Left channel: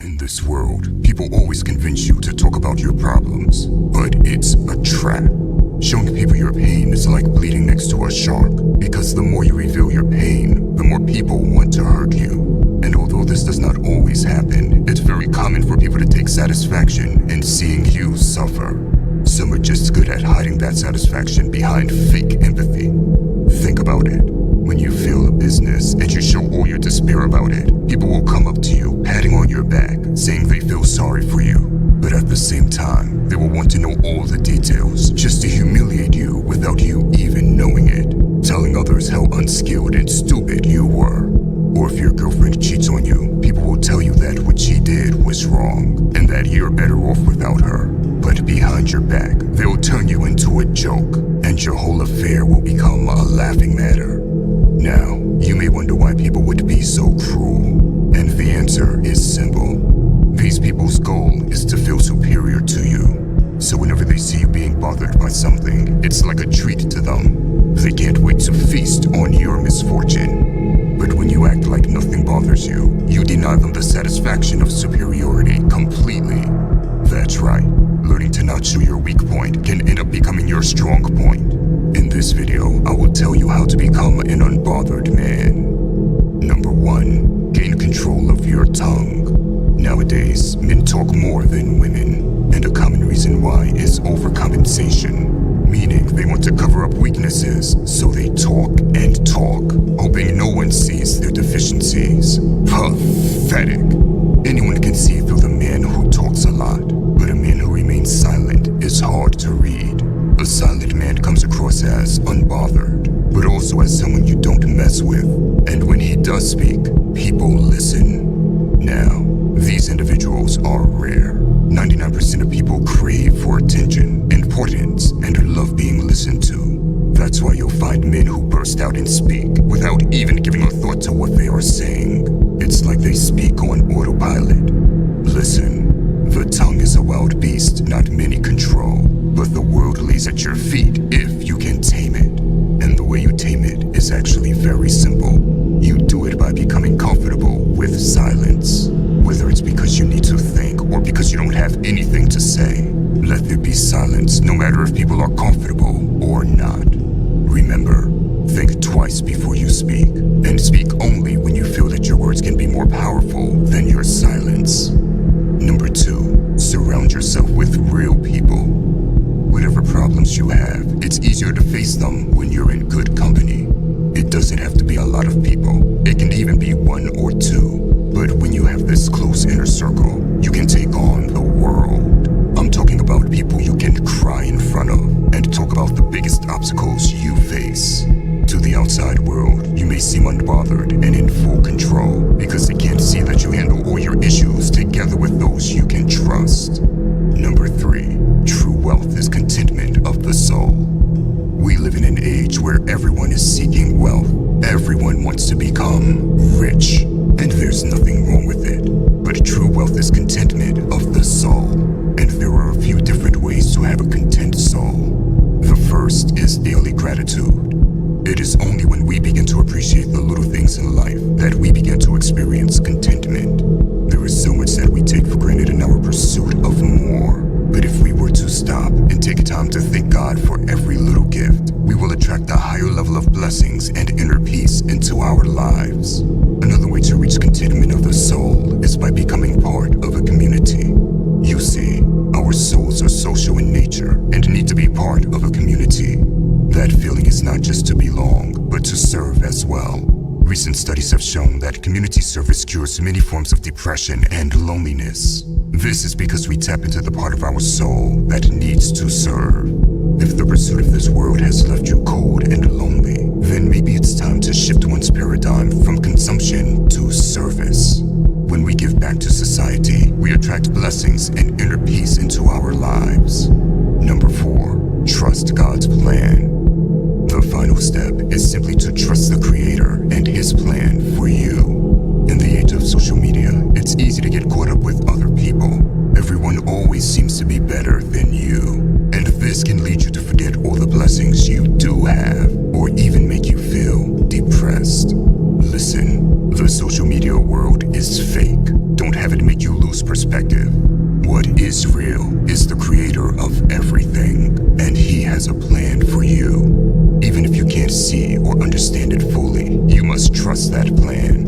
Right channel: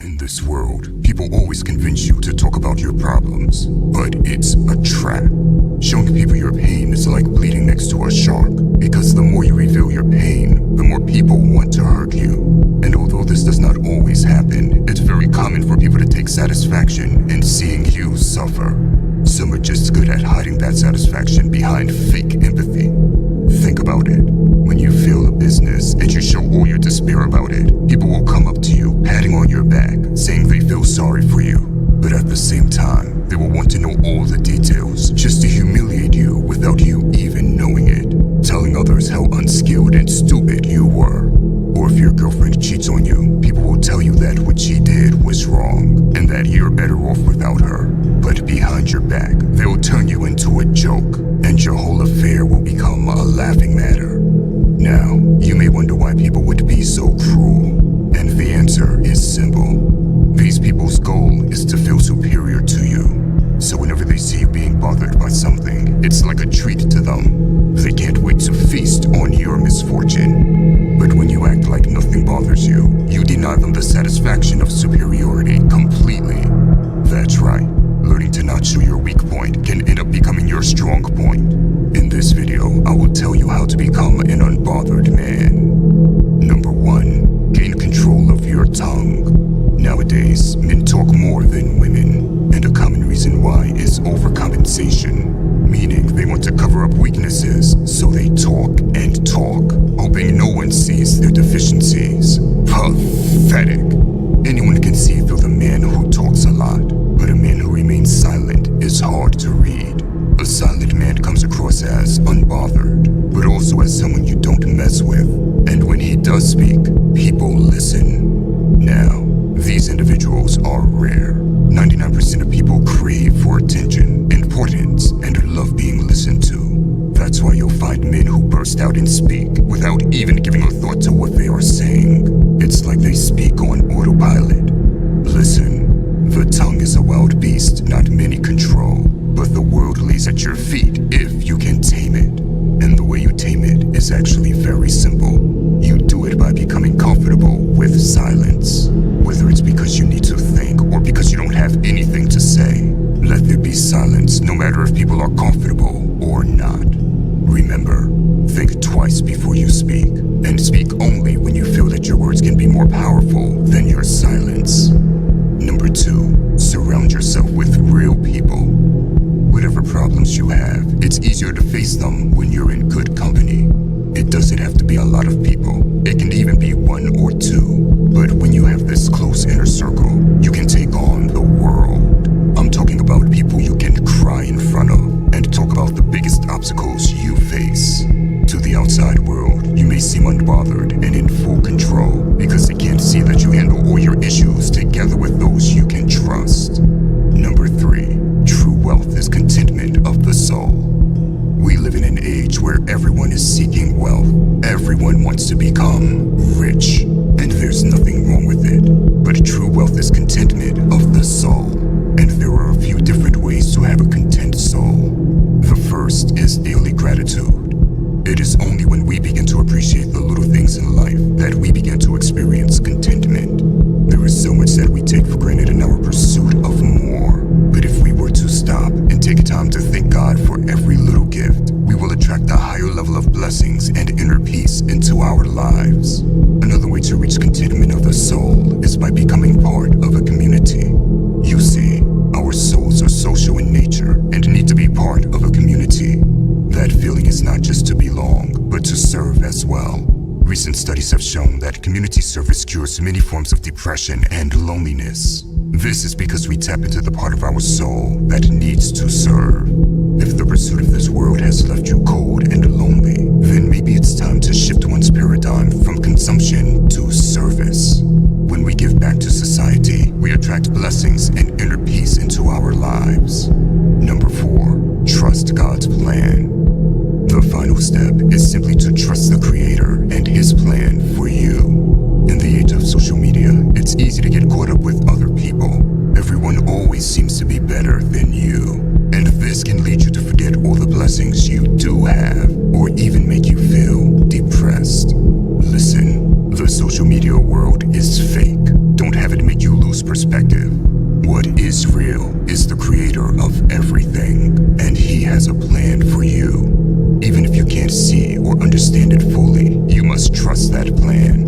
In this world, people always convince you to talk about your problems, but it's a trap. Showing people your pain is like bleeding next to a shark, because the more you reveal your pain, the more people want to hurt you. And although this does not always happen, it's very common for people to take satisfaction in seeing you suffer. Some are just good at hiding that satisfaction behind fake empathy. Think about it. When you fail a business and you show all your despair about it, people will come up to you, patting on your back, saying they feel sorry for you. But at the same time, they will want to know all the details, just to humiliate you without you even knowing it, telling others how unskilled and stupid you were. Or if your girlfriend cheats on you, people will tell you that what she did was wrong, and that you're better off without her. But behind your back, they'll turn you into a joke, and your whole affair will become a laughing matter. Now, you may wonder why people would be so cruel, and the answer is simple. These people's goal is to feel superior to you. So whenever they see you being bothered by something, it's like a treat to them. They can't wait to feast on your misfortune. But when you act like nothing bothers you, you deny them the satisfaction of superiority completely. That's right. Learning to not show your weak point can end up becoming your strong point. In this video, I will tell you how to become an unbothered man. Number 1. Gain control of your tongue. Nowadays, men talk more than women, and a common reason why is overcompensation, meaning they want to cover up weaknesses, so they talk and talk, hoping no one sees their deficiencies. Pathetic. Anyone can see through the man who talks a lot, but a man who remains silent is hard to read. A silent man comes across as unbothered, but also as someone you don't mess with. And when he does speak, people listen. Now, these individuals are rare. 99% of people crave for attention, importance, and love being listened to. That's why you'll find men who burst out and speak without even giving a thought to what they are saying. It's like they speak on autopilot. Listen, the tongue is a wild beast not many control, but the world lays at your feet if you can tame it. And the way you tame it is actually very simple. You do it by becoming comfortable with silence. Whether it's because you need to think or because you don't have anything to say, let there be silence no matter if people are comfortable or not. Remember, think twice before you speak, and speak only when you feel that your words can be more powerful than your silence. Number 2, surround yourself with real people. Whatever problems you have, it's easier to face them when you're in good company. It doesn't have to be a lot of people. It can even be 1 or 2. But when you have this close inner circle, you can take on the world. I'm talking about people you can cry in front of and talk about the biggest obstacles you face. To the outside world, you may seem unbothered and in full control because they can't see that you handle all your issues together with those you can trust. Number 3, true wealth is contentment of the soul. We live in an age where everyone is seeking wealth. Everyone wants to become rich, and there's nothing wrong with it. But true wealth is contentment of the soul, and there are a few different ways to have a content soul. The first is daily gratitude. It is only when we begin to appreciate the little things in life that we begin to experience contentment. There is so much that we take for granted in our pursuit of more. But if we were to stop and take time to thank God for every little gift, we will attract a higher level of blessings and inner peace into our lives. Another way to reach contentment of the soul is by becoming part of a community. You see, our souls are social in nature and need to be part of a community. That feeling is not just to belong, but to serve as well. Recent studies have shown that community service cures many forms of depression and loneliness. This is because we tap into the part of our soul that needs to serve. If the pursuit of this world has left you cold and lonely, then maybe it's time to shift one's paradigm from consumption to service. When we give back to society, we attract blessings and inner peace into our lives. Number 4, trust God's plan. The final step is simply to trust the Creator and His plan for you. In the age of social media, it's easy to get caught up with other people. Everyone always seems to be better than you. And this can lead you to forget all the blessings you do have, or even make you feel depressed. Listen, the social media world is fake. Don't have it make you lose perspective. What is real is the creator of everything, and he has a plan for you. Even if you can't see or understand it fully, you must trust that plan.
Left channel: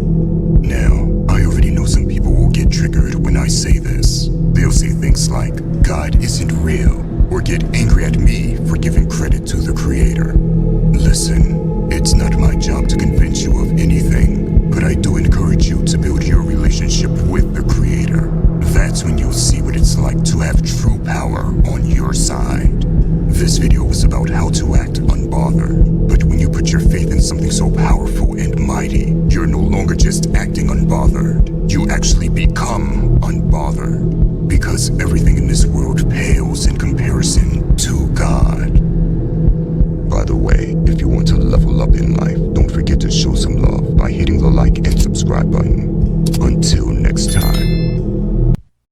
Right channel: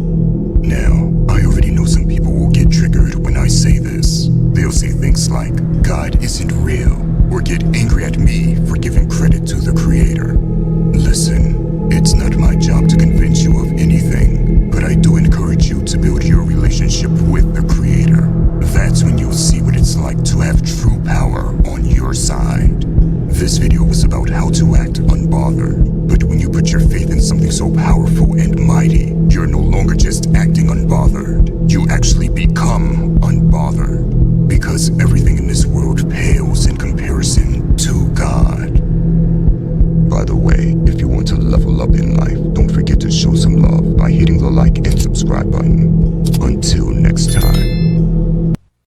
Now, I already know some people will get triggered when I say this. They'll say things like, God isn't real, or get angry at me for giving credit to the creator. Listen, it's not my job to convince you of anything, but I do encourage you to build your relationship with the creator. That's when you'll see what it's like to have true power on your side. This video was about how to act unbothered, but when you put your faith in something so powerful and mighty, you're no longer just acting unbothered. You actually become unbothered, because everything in this world pales in comparison to God. By the way, if you want to level up in life, don't forget to show some love by hitting the like and subscribe button. Until next time.